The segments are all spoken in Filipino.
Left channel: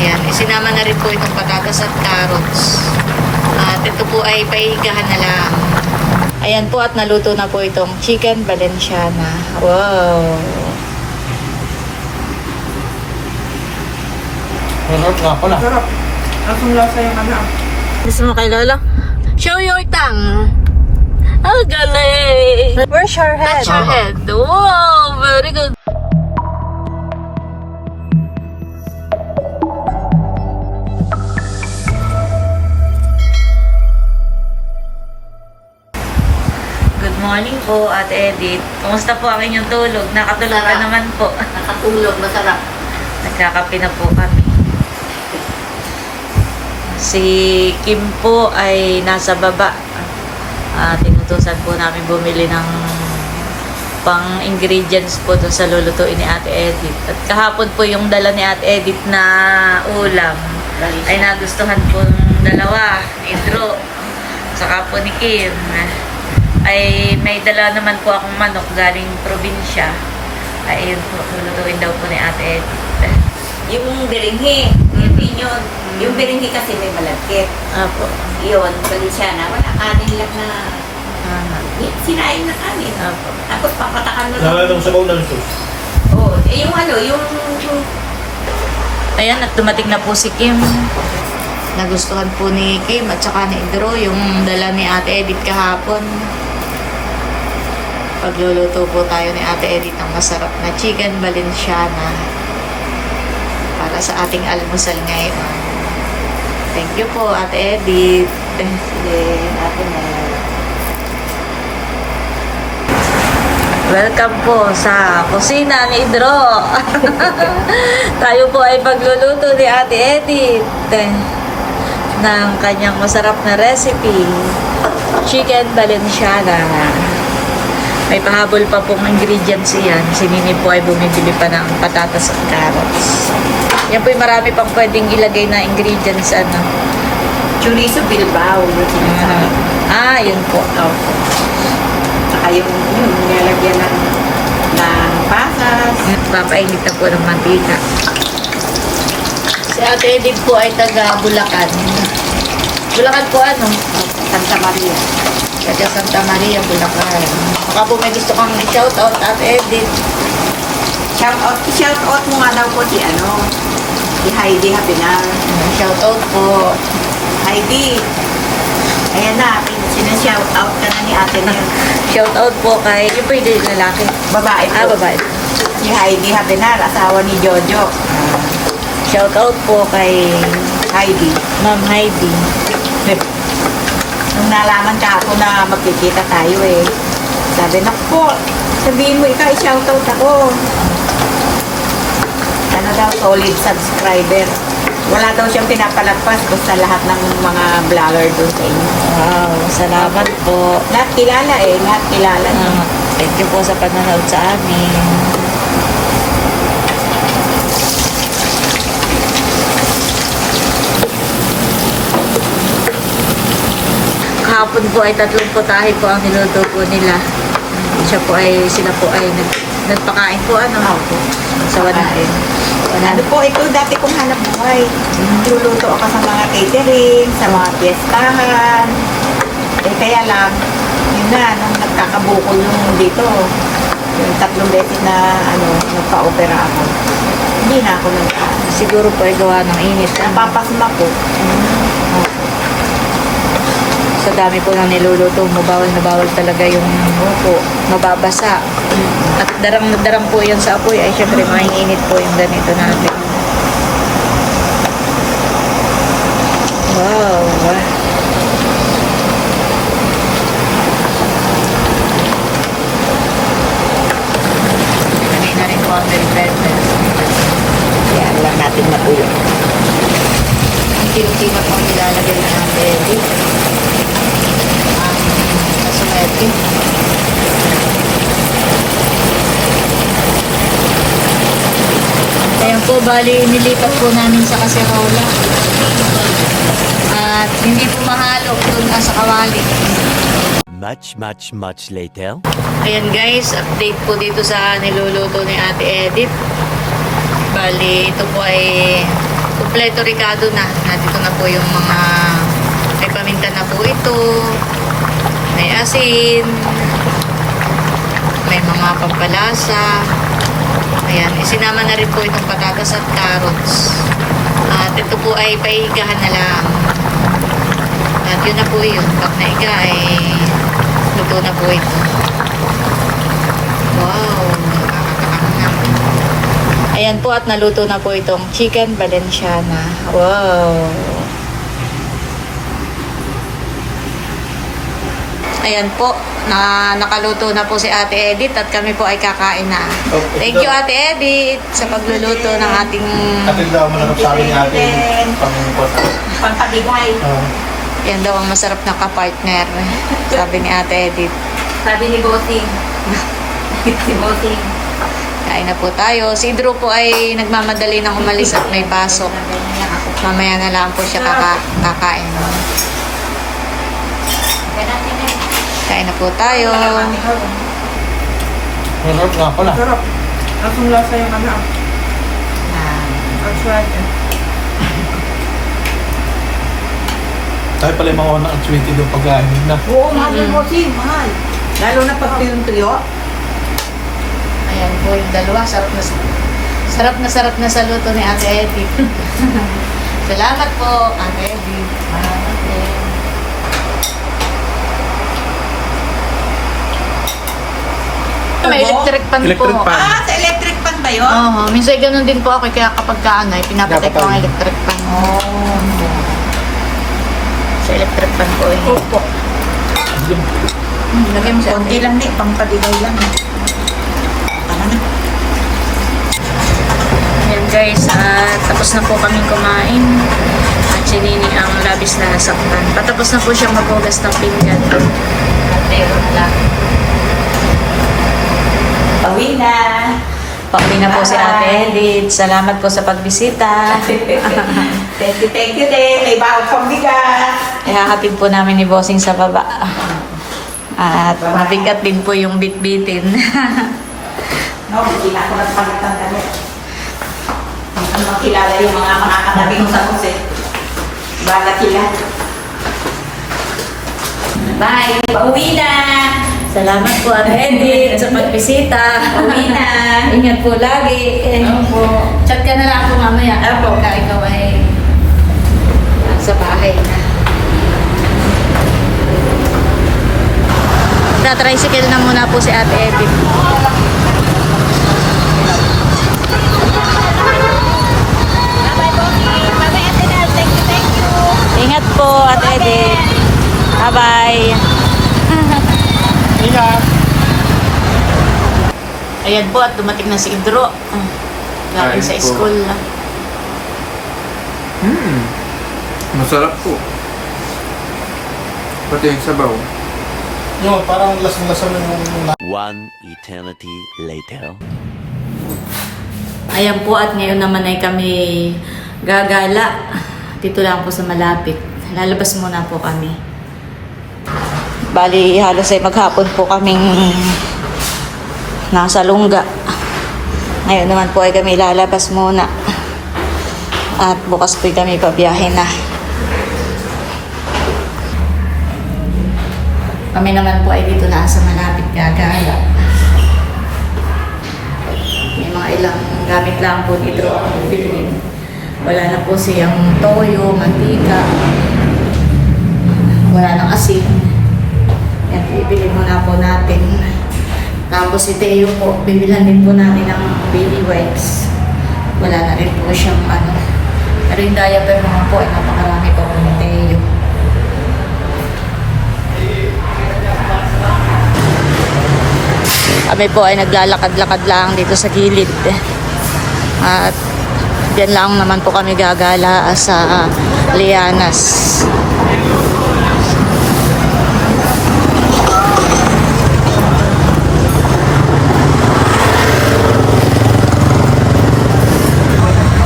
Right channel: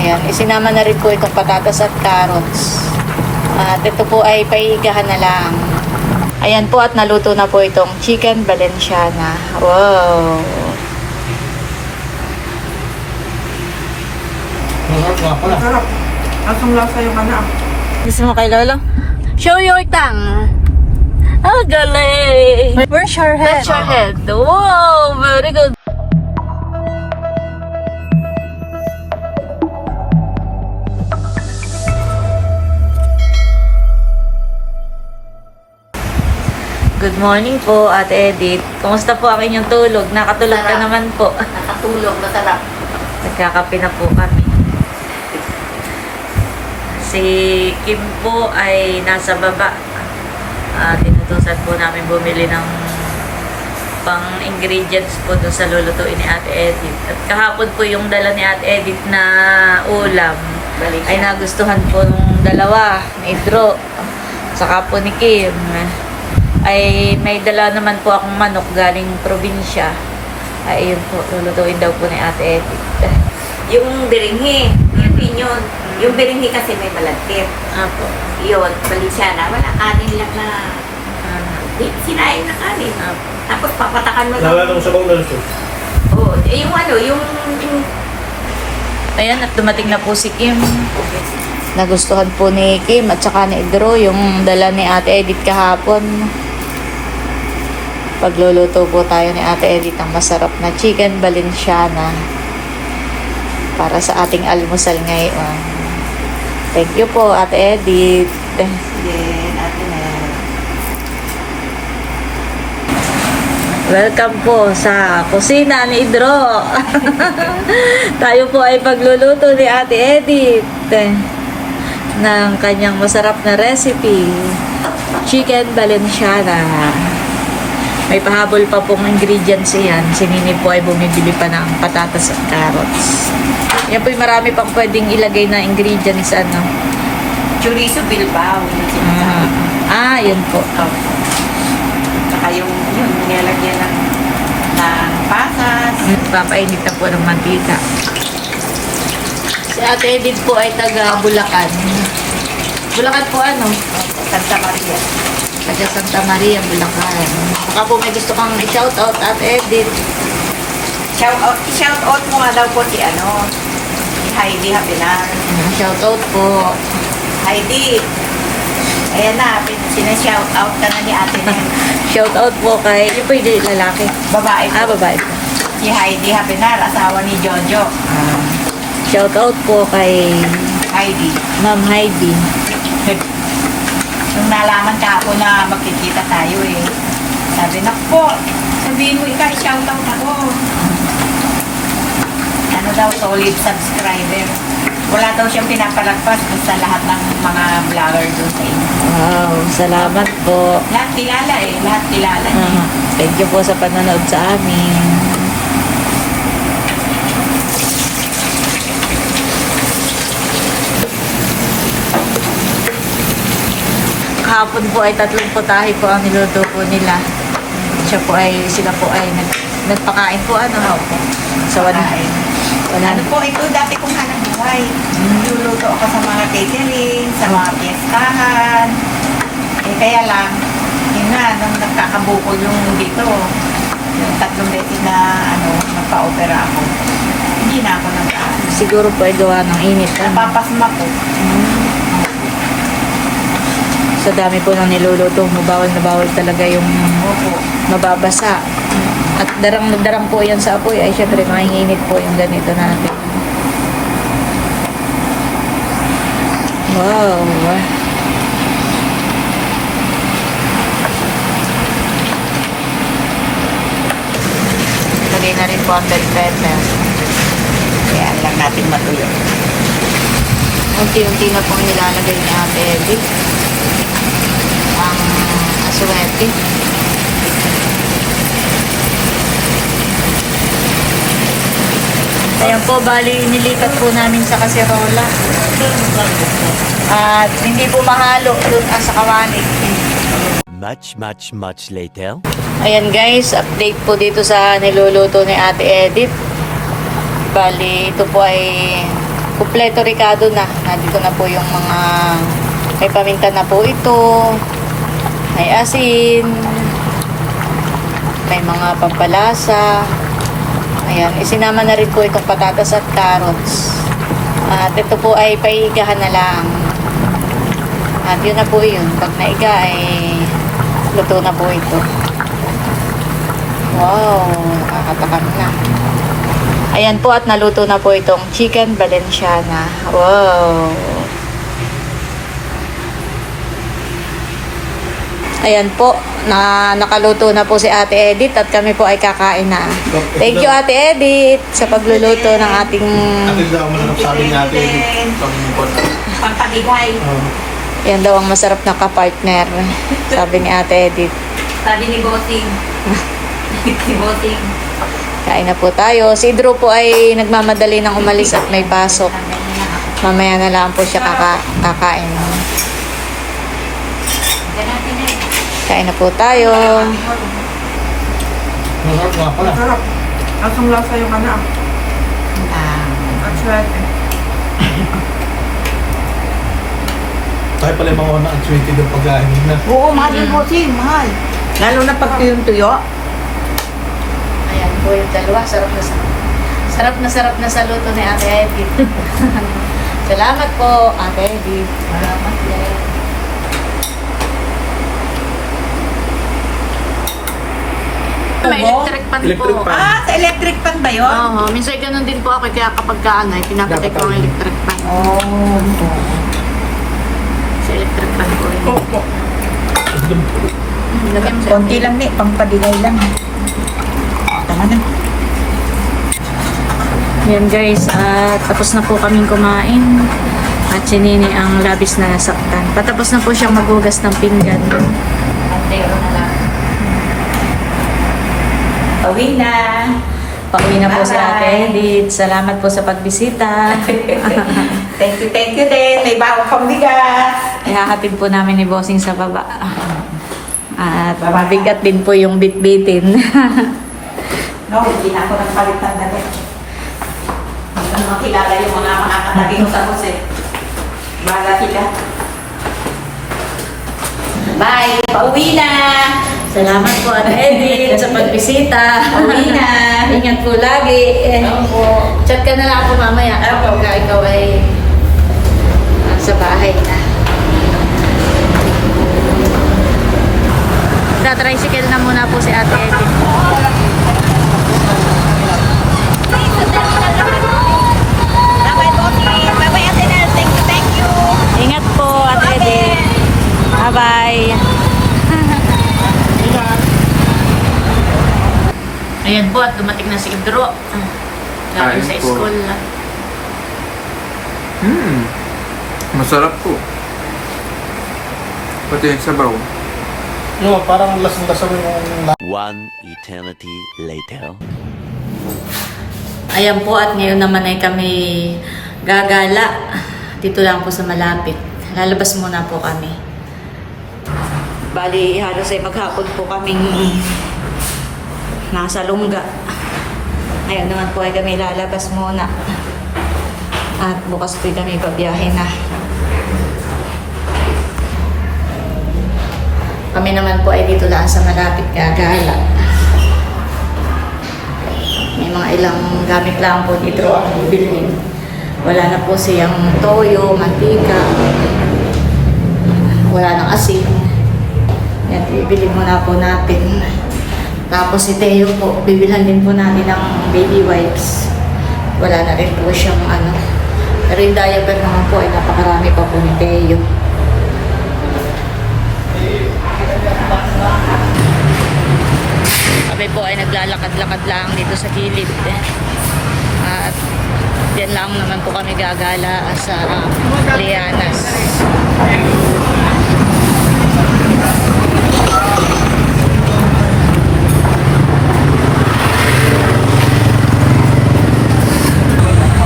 Ayan, isinama na rin po itong patatas at carrots. At ito po ay paigahan na lang. Ayan po at naluto na po itong chicken valenciana. Wow! Sarap nga pala. Sarap. Asong lasa yung ano. Gusto mo kay Lola? Show your tongue! Ah, galing! Where's your head? That's your head. Wow! Very good. Good morning po, Ate Edith. Kumusta po ang inyong tulog? Nakatulog ka naman po. Nakatulog, masarap. Nagkakape na po kami. Si Kim po ay nasa baba. Tinutusan po namin bumili ng pang-ingredients po dun sa lulutuin ni Ate Edith. At kahapon po yung dala ni Ate Edith na ulam ay nagustuhan po ng dalawa, ni Idro, saka po ni Kim. Ay may dala naman po akong manok galing probinsya. Ay yun po, lulutuin daw po ni Ate Edith. Yung biringhi, yung pinyon. Yung biringhi kasi may malagkit. Apo. Yun, Valenciana, wala kanin lang na sinain na kanin. Apo. Tapos papatakan mo Wala nang sabaw na sus. Oh, yung ano, yung Ayan, at dumating na po si Kim. Nagustuhan po ni Kim at saka ni Idro yung dala ni Ate Edith kahapon. Pagluluto po tayo ni Ate Edith ng masarap na chicken valenciana para sa ating almusal ngayon. Thank you po, Ate Edith. sige, natin na yan. Welcome po sa kusina ni Idro. Tayo po ay pagluluto ni Ate Edith ng kanyang masarap na recipe, chicken valenciana. May pahabol pa pong ingredients yan. Si Mini po ay bumibili pa ng patatas at carrots. Yan po yung marami pang pwedeng ilagay na ingredients. Chorizo Bilbao, yung sinasabi. Yan po. Saka yung nilalagyan ng pasas. Papainit na po ng mantika. Si Ate Edith po ay taga Bulacan. Bulacan po ano? Santa Maria. Taga Santa Maria, Bulacan. Baka po may gusto kang i-shoutout, Ate Edith. Shout out mo nga daw po si Heidi Hapinar. Ayan, shoutout po. Heidi, ayan na, sinashout out ka na ni ate niya. Shoutout po kay, ano po yung lalaki? Babae po. Babae. Si Heidi Hapinar, asawa ni Jojo. Shoutout po kay Heidi. Ma'am Heidi. Nung nalaman ka ako na magkikita tayo sabi na po, sabihin mo ikaw, shoutout ako. Ano daw, solid subscriber. Wala daw siyang pinapalagpas doon sa lahat ng mga vlogger doon sa inyo. Wow, salamat po. Lahat kilala lahat kilala niya. Thank you po sa panonood sa amin. Kahapon po ay 3 putahe po ang niluto po nila. Sila po ay nagpakain po Opo. sa wanain. Ano po, ito dati kong hanap buhay. Niluluto ako sa mga catering, sa mga piyestahan. Kaya lang, yun na, nung nagkakabukol yung dito, yung 3 beses na nagpa-opera ako. Hindi na ako Siguro po ay gawa ng init. napapasma ko. Sa dami po ng niluluto, mabawal na bawal talaga yung mababasa. At darang po yan sa apoy, ay syempre mainit po yung ganito natin. Wow! Kanina rin po ang driver. Kaya lang natin magulang. Unti-unti na po nilalagay ni Ate Edith ang aswerte. Ayan po, bali nilipat po namin sa kaserola. At hindi po mahalo dun sa kawali. Much later. Ayan guys, update po dito sa niluluto ni Ate Edith. Bali, ito po ay Kompleto Ricardo na. Nandito na po yung mga may paminta na po ito. May asin. May mga pampalasa. Ayan, isinama na rin po itong patatas at carrots. At ito po ay paigahan na lang. At yun na po yun. Pag naiga ay luto na po ito. Wow, nakakatakam na. Ayan po at naluto na po itong chicken valenciana. Wow. Ayan po, nakaluto na po si Ate Edith at kami po ay kakain na. Thank you Ate Edith sa pagluluto ng ating... Nakikita mo na sabi ni ate. Pampaligay. Yan daw ang masarap na kapartner, sabi ni Ate Edith. Sabi ni Bossing. Si Bossing. Kain na po tayo. Si Drew po ay nagmamadali ng umalis at may pasok. Mamaya na lang po siya kakain. Kain na po tayo. Masarap nga pala. Sarap. Asong lasa yung ano. At swerte. Tayo pala yung mga una ang sweetie ng pagkain na. Oo, mahal yung Bossing. Mahal. Lalo na pag tuyong-tuyo. Ayan po yung dalawa. Sarap na sa luto ni Ate Edith. Salamat po, Ate Edith. Salamat din. May electric pan Electric po. pan. Sa electric pan ba yun? Oo, minsan ganun din po ako. Kaya kapag kaano, pinapatay ko ang electric pan. Sa electric pan po. Opo. Lagay mo sa Okay lang ni, pampaligay lang. Ano na? Ayan guys, tapos na po kaming kumain. At si Nini ang labis na nasaktan. Patapos na po siyang maghugas ng pinggan. At ayun na lang. Pauwi na. Pauwi na po si Bye-bye. Ate Edith. Salamat po sa pagbisita. Thank you din. May baon pang bigas. Ihahatid po namin ni Bossing sa baba. At mabigat din po yung bitbitin. No, hindi ako nagpalitan na rin. Hindi ko makilala yung mga makakatabi ko sa kose. Bahala sila. Bye! Pauwi na! Salamat po Ate Edith sa pagbisita. Pauwi na! Ingat po lagi. Opo. Chat ka na lang ako mamaya. Opo. Pagka ikaw ay sa bahay na. Tricycle na muna po si Ate Edith. Bye-bye, Bobby! Bye-bye, Ate Nel! Thank you! Ingat po Ate Edith. Bye-bye. Ayan po at dumating na si Idro. Galing Kain sa po. school. Masarap po. Pati yung sabaw. Yun, parang lasang-lasang yung... One eternity later. Ayan po at ngayon naman ay kami gagala. Dito lang po sa malapit. Lalabas muna po kami. Bali, halos ay maghapon po kaming nasa Lungga. Ngayon naman po ay kami lalabas muna. At bukas po kami pabiyahe na. Kami naman po ay dito na sa malapit gagala. May mga ilang gamit lang po dito ang bilhin. Wala na po siyang toyo, mantika. Wala nang asin. Yan, bibili muna po natin. Tapos si Teo po, bibilhan din po natin ng baby wipes. Wala na rin po siyang ano. Pero yung diaper naman po ay napakarami pa po ni Teo. Kami po ay naglalakad-lakad lang dito sa gilid. At yan lang naman po kami gagala sa Lianas.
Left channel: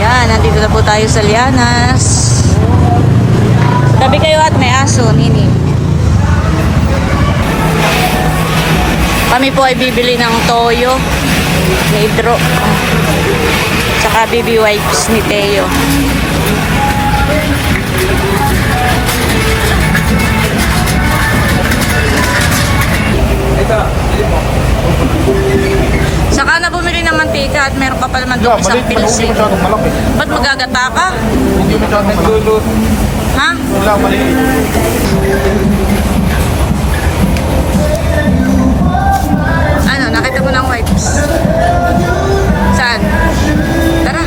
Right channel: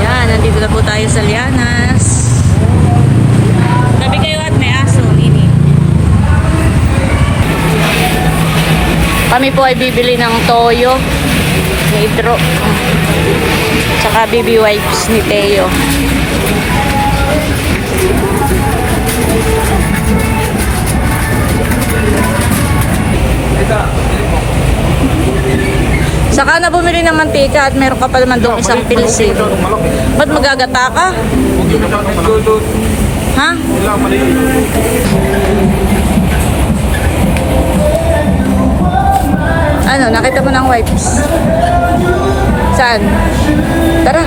Yan, nandito na po tayo sa Lianas. Tabi kayo at may aso, Nini. Kami po ay bibili ng toyo ni Idro. Tsaka baby wipes ni Teo. Saka na bumili ng mantika at meron ka pa naman doon isang pilsi. Ba't magagata ka? Hindi mo kami nagluluto. Ha? Wala mali. Ano, nakita mo ng wipes? Saan? Tara.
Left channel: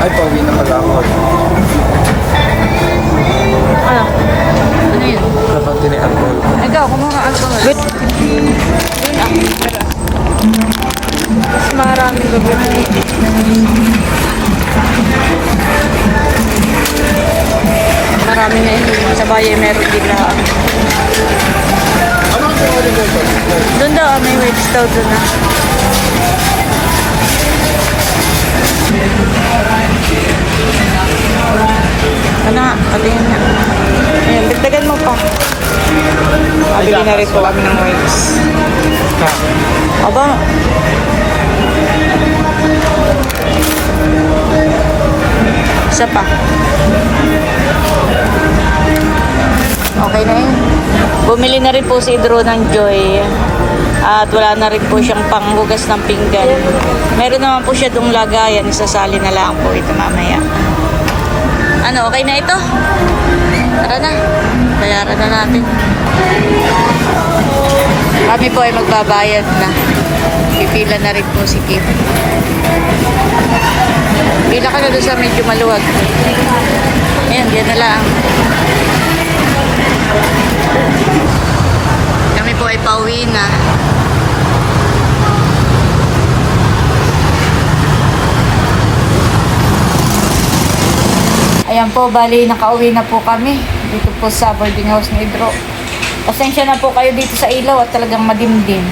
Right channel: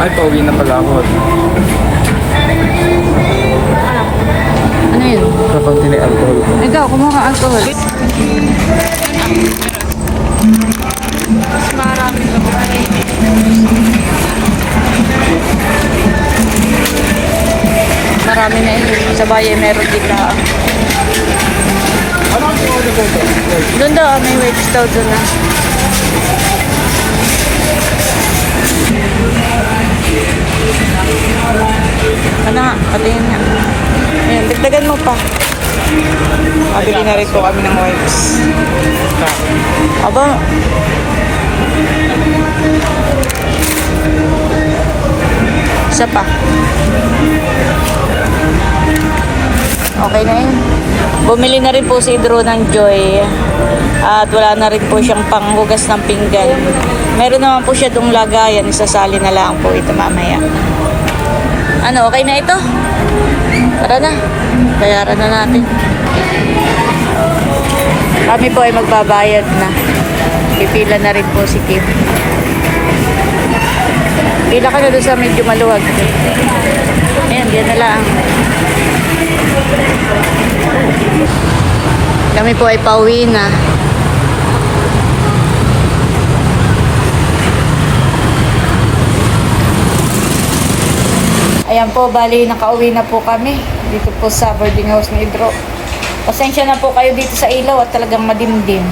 Ay, pogi na pala ako. Ano yun? Kapag tini-alcohol. Ikaw, kumuha ka alcoholic. Marami na yun. Sa bayan meron din lang. Doon daw, may wipes daw doon na. Ano nga, patingin nga. Ayan, dagdagan mo pa. Nabili na rin po kami ng wipes. Aba. Isa pa. Okay na yun. Bumili na rin po si Idro ng Joy. At wala na rin po siyang panghugas ng pinggan. Meron naman po siya dong lagayan. Isasali na lang po ito mamaya. Ano, okay na ito? Tara na. Bayaran na natin. Kami po ay magbabayad na. Pipila na rin po si Kim. Pila ka na doon sa medyo maluwag. Ayan, diyan na lang. Kami po ay pauwi na. Ayan po, bali nakauwi na po kami dito po sa boarding house ni Idro. Pasensya na po kayo dito sa ilaw at talagang madimdim.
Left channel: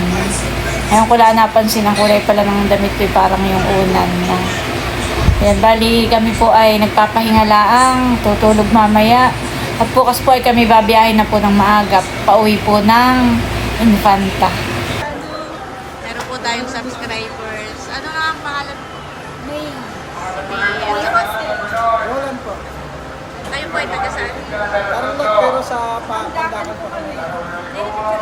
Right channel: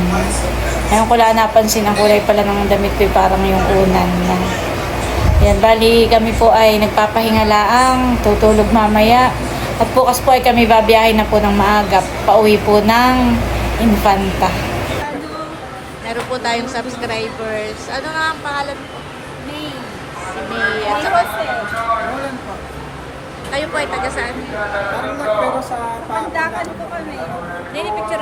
Ngayon ko lang napansin ang kulay pala ng damit ko, parang yung unan na. Ayan, bali kami po ay nagpapahinga laang, tutulog mamaya. At bukas po ay kami babiyahin na po ng maaga, pauwi po ng Infanta. Meron po tayong subscribers. Ano nga ang pangalan po? May. Si May. At saka Walan po. kayo po hindi kasi. Parang pero sa Pandakan po kami. Kaya naman.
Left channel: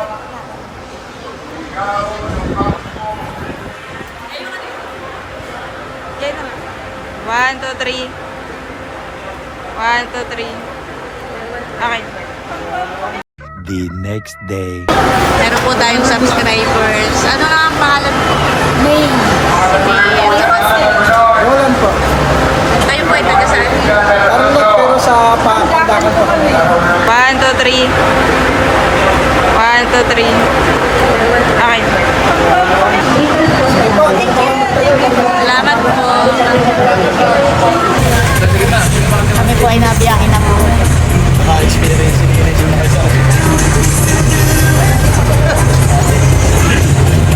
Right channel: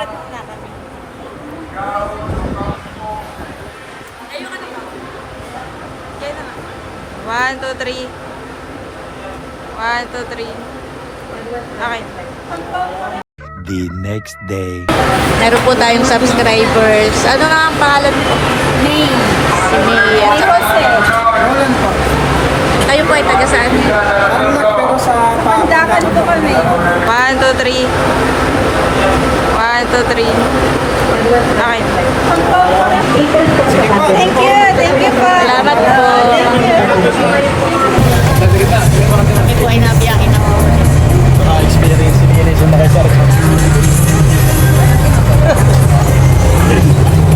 1, 2, 3. 1, 2, 3. Okay. The next day. Meron po tayong subscribers. Ano nga ang pangalan po? May. Si May. At saka Walan po. kayo po hindi kasi. Parang pero sa Pandakan po kami. 1, 2, 3. 1, 2, 3. Okay. Salamat po. Kami po ay nabiyahin na po ulit. Naka-experience yung mga isa.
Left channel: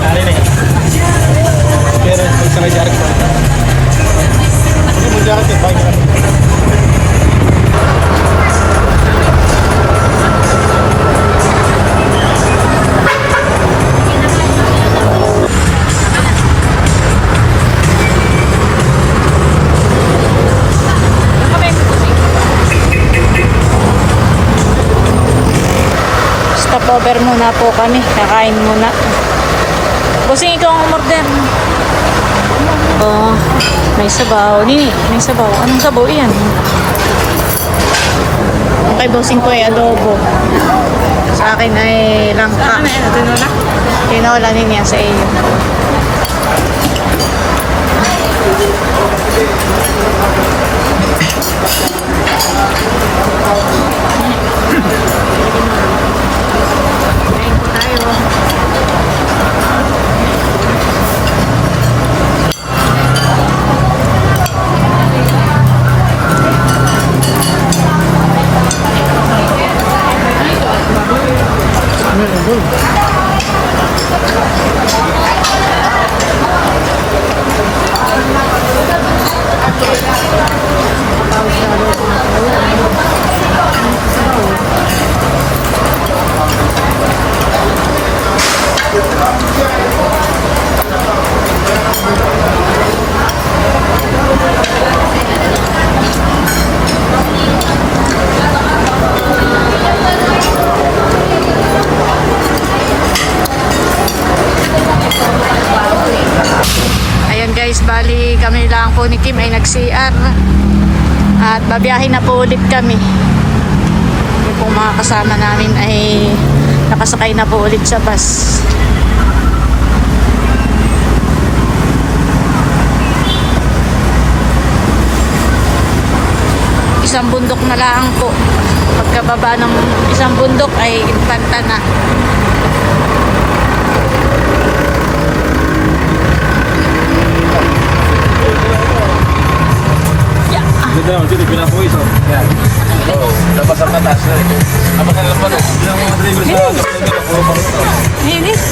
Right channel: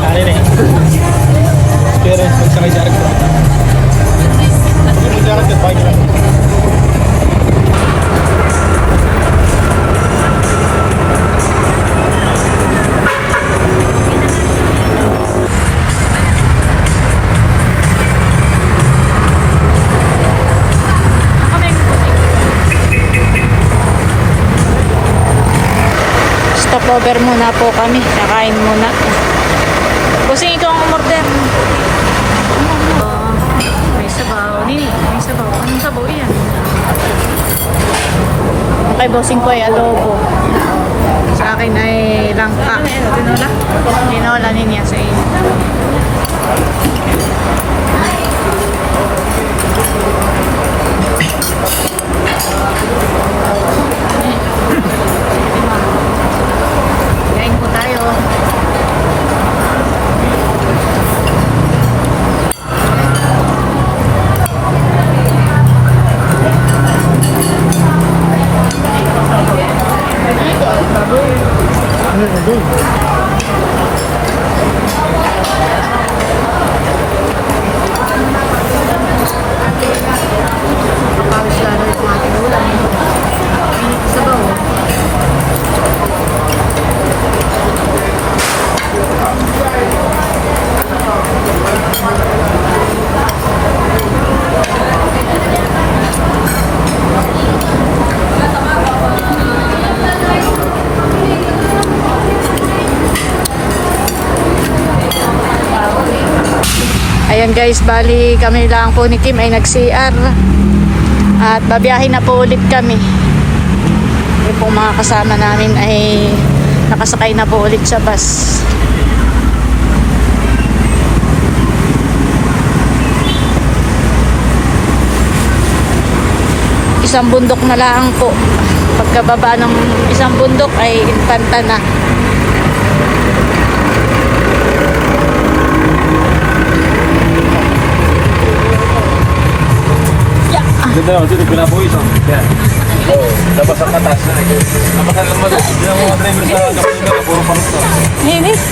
Ano yun eh? Experience sa may jacket po. Pag mo jacket, paano ka? Stopover muna po kami. Kakain muna. Busing ito ang umorder. Oh, may sabaw. Nini, may sabaw. Anong sabaw iyan? Okay, bossing ko ay adobo. Sa akin ay langka. Tinola? Tinola nini sa iyo. Kain po tayo. Pawis lalo. guys, bali kami lang po ni Kim ay nag-CR. At babiyahin na po ulit kami. Yung pong mga kasama namin ay nakasakay na po ulit sa bus. Isang bundok na lang po. Pagkababa ng isang bundok ay Infanta na. Dito lang, dito pinapuwis. Yan. Labas ang atas. Labas ang atas. Yung mga driver sa puro pangit na. Inis.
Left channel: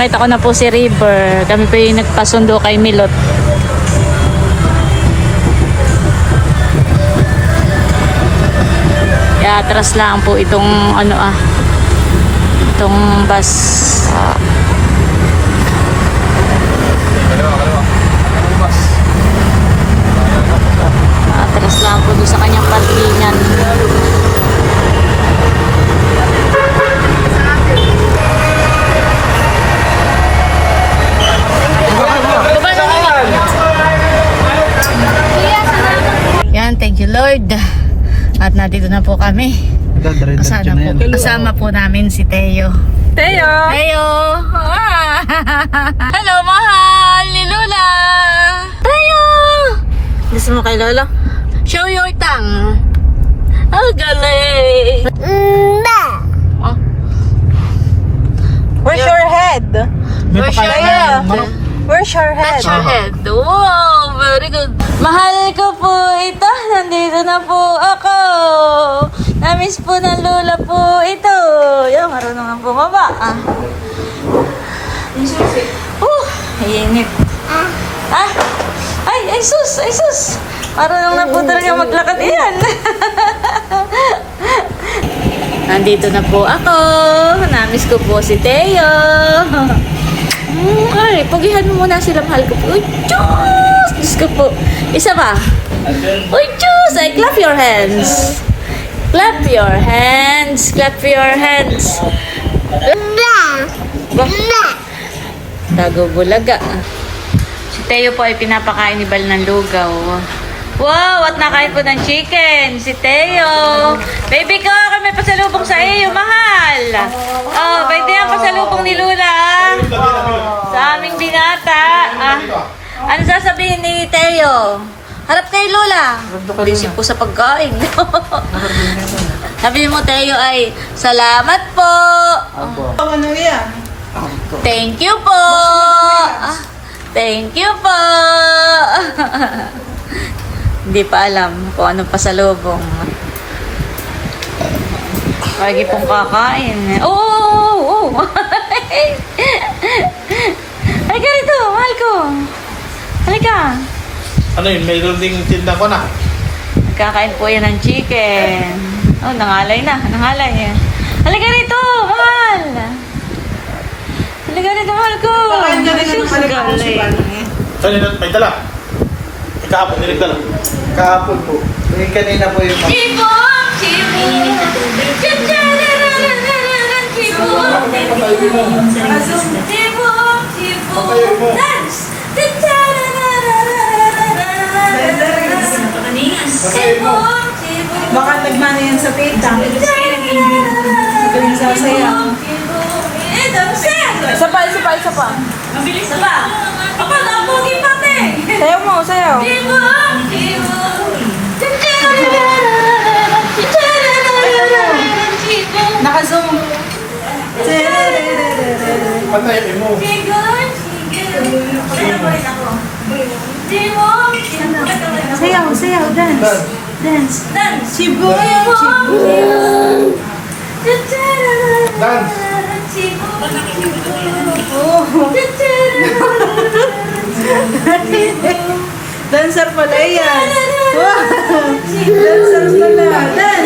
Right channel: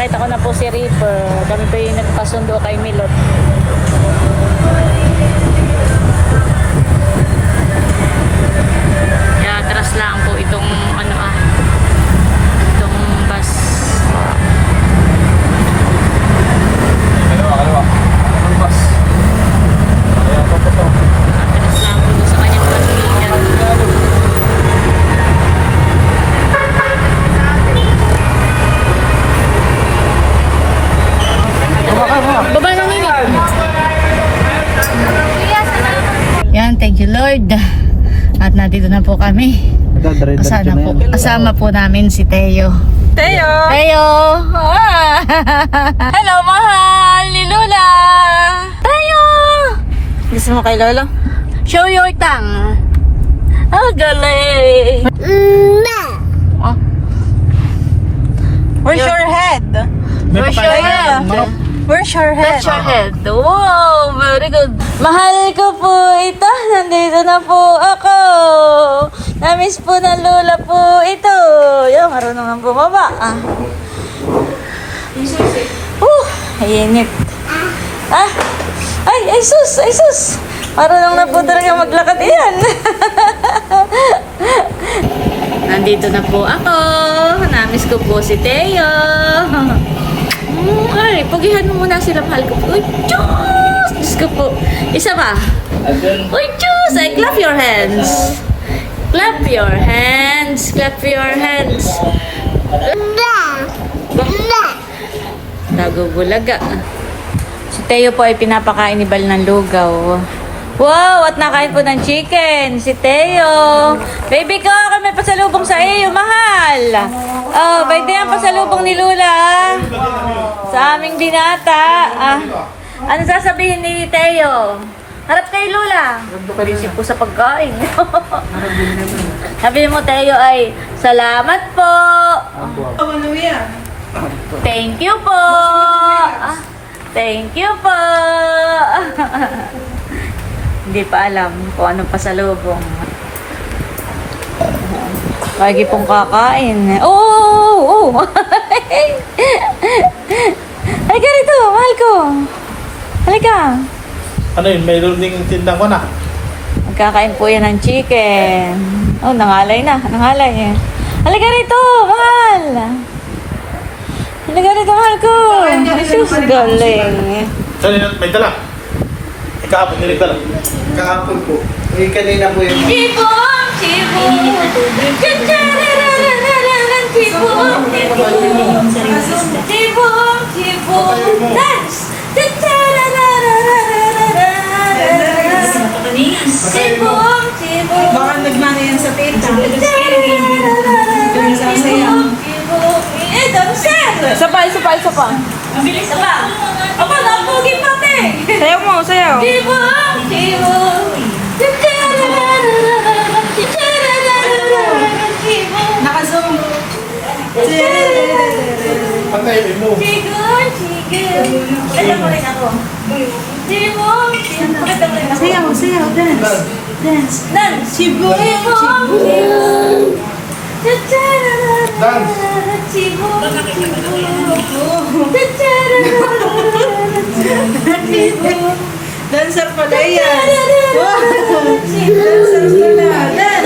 Nakita ko na po si River. Kami pa yung nagpasundo kay Milot. Kaya atras lang po itong itong bus. Atras lang po doon sa kanyang parkingan. Yan, thank you Lord. At nandito na po kami. Kasama po namin si Teo. Teo! Teo! Ah! Hello, mahal ni Lola! Teo! Gusto mo kay Lola? Show your tongue. Ah, galing! Oh. Where's your head? Where's your head? Where's your head? Where's your head? Wow, very good. Mahal ko po ito. Nandito na po ako. Namiss po ng Lola po ito. Yung marunong ang bumaba. Init. Ay sus, ay sus. Marunong na po talaga maglakad yan. Nandito na po ako. Namiss ko po si Teo. Ay, pagihan mo muna sila, mahal ko po. Uy, Diyos! Diyos ko po. Isa ba? Uy, Diyos! Ay, clap your hands. Clap your hands. Clap your hands. Tago bulaga. Si Teo po ay pinapakain ni Bal ng lugaw. Wow! At nakain po ng chicken. Si Teo. Baby ko, kami pasalubong sa iyo, mahal. Oh, pwede yan pasalubong ni Lula. Sa aming binata. Ano sasabihin ni Teo? Harap kay Lola. Busy po sa pagkain. Sabihin mo, Teo, ay salamat po. Thank you po. Thank you po. Hindi pa alam kung anong pasalubong. Lagi pong kakain. Oo! Halika rito, mahal ko. Halika. Ano yun? Mayroon ding tinda ko na. Nagkakain po yan ng chicken. Oh, nangalay na. Nangalay. Halika rito, mahal. Halika rito, mahal ko. Sus, galing. Saan yun? May dala? Kahapon, hindi dala. Kahapon po. Yung kanina po yung... Chibong! Chibong! Baka nagmana yan sa tita. Ito yung sasayaw. Isa pa, isa pa, isa pa. Sayaw mo, sayaw. Naka-zoom. Sayaw, sayaw, dance. Dance. Chiboy, chiboy. Dancer pala yan. Wow. Dancer pala. Dance.